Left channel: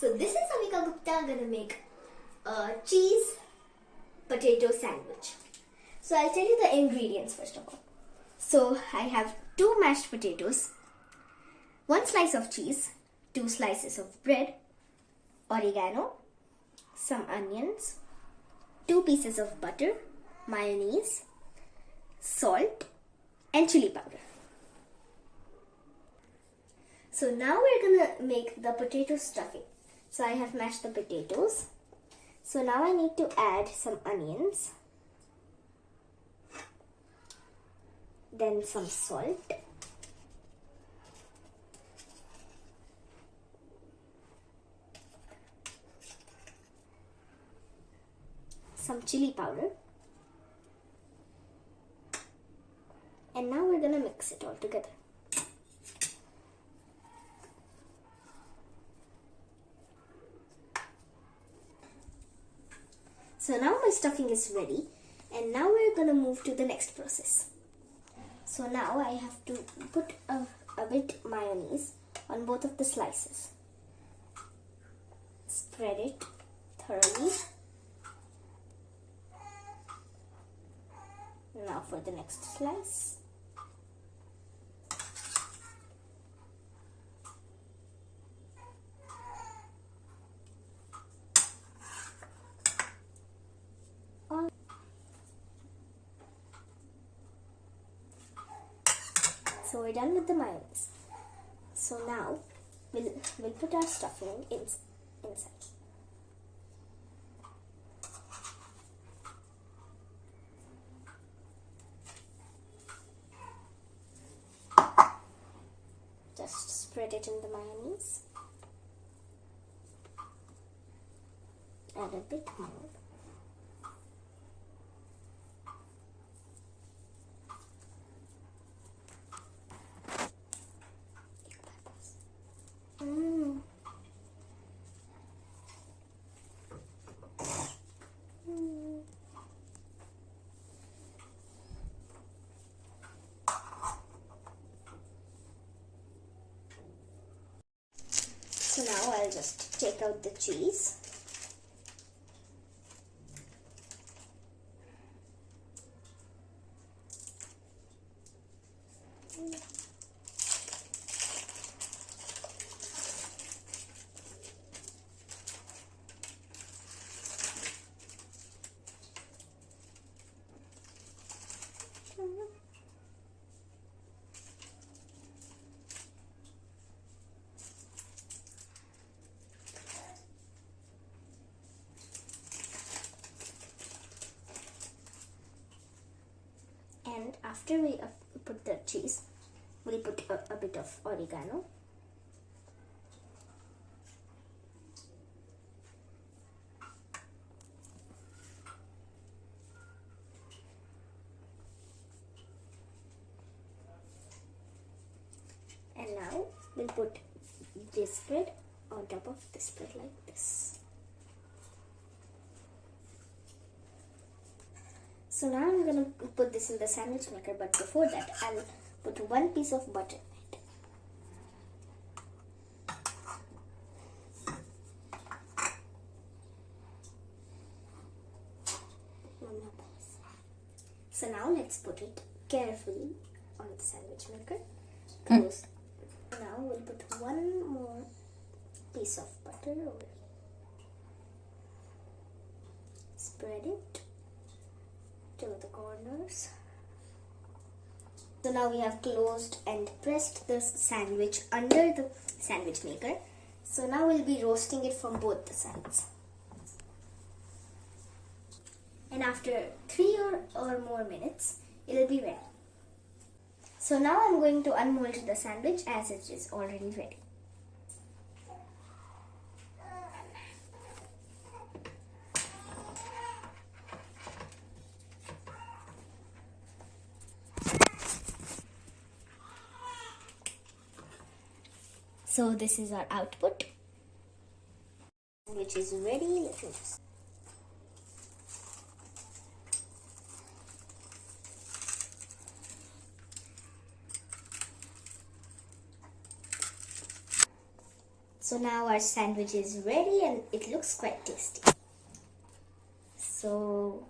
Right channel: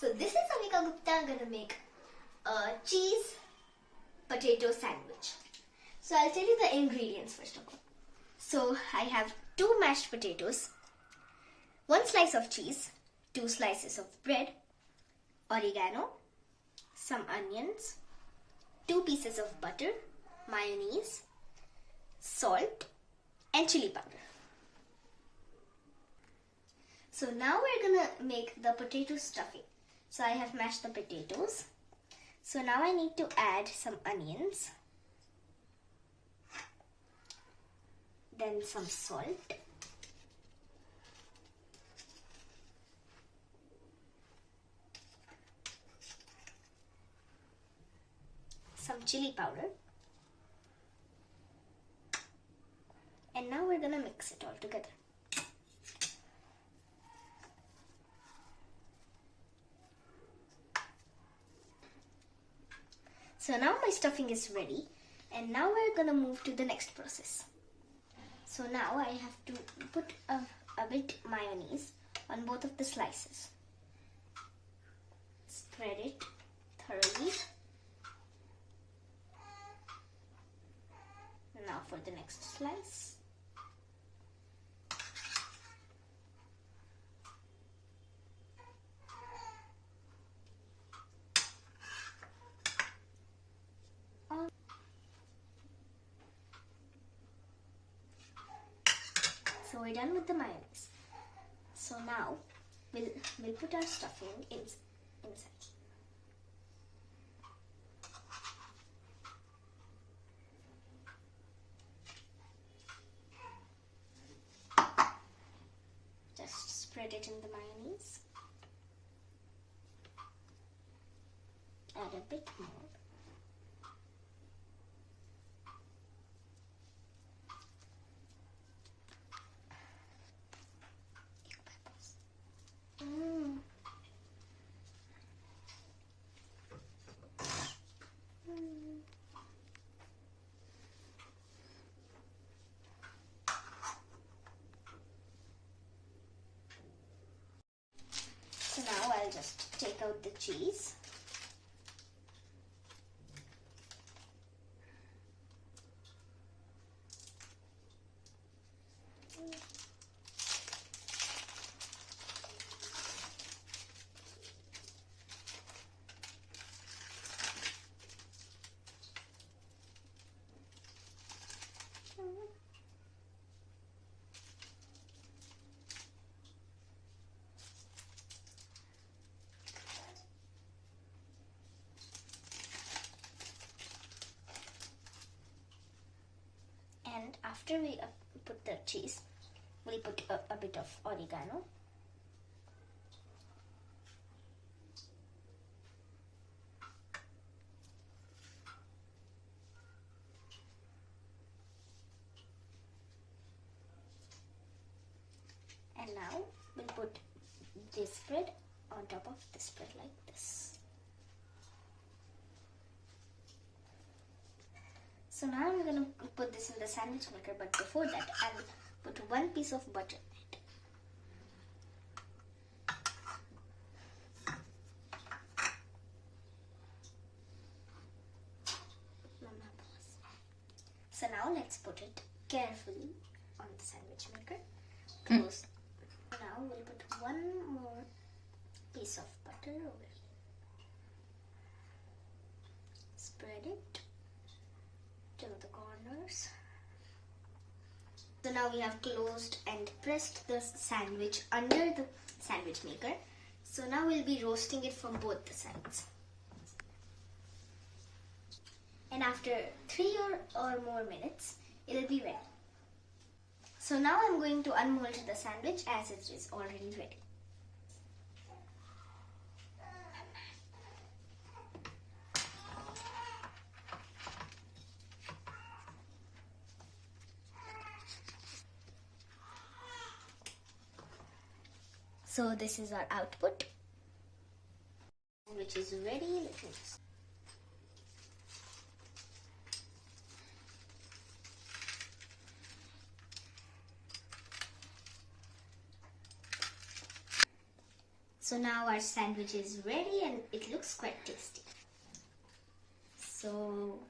So this is Avika Gupta gonna make a cheese potato sandwich. So I'll tell you the ingredients first of all. So I have 2 mashed potatoes, 1 slice of cheese, 2 slices of bread, oregano, some onions, 2 pieces of butter, mayonnaise, salt and chili powder. So now we're gonna make the potato stuffing. So I have mashed the potatoes. So now I need to add some onions, then some salt, some chili powder, and now we're gonna mix it all together. So now my stuffing is ready, and now we're gonna move to the next process. So now I have to put a bit mayonnaise on both of the slices. Spread it thoroughly. Now for the next slice. So we're done with the mayonnaise. So now we'll put our stuffing inside. Just spread it in the mayonnaise. Add a bit more. So now I'll just take out the cheese. And after we put the cheese, we'll put a bit of oregano. And now we'll put this bread on top of this bread like this. So now I'm going to put this in the sandwich maker, but before that I'll put 1 piece of butter in it. So now let's put it carefully on the sandwich maker. Close. Now we'll put 1 more piece of butter over here. Spread it to the corners. So now we have closed and pressed the sandwich under the sandwich maker. So now we'll be roasting it from both the sides. And after 3 or more minutes, it'll be ready. So now I'm going to unmold the sandwich as it is already ready. So this is our output, which is ready. So now our sandwich is ready and it looks quite tasty. So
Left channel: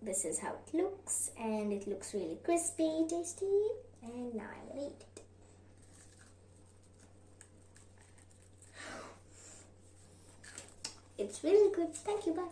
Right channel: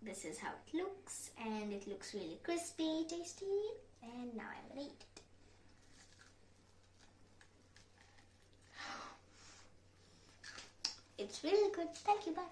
this is how it looks, and it looks really crispy, tasty, and now I'm gonna eat it. It's really good. Thank you, bye.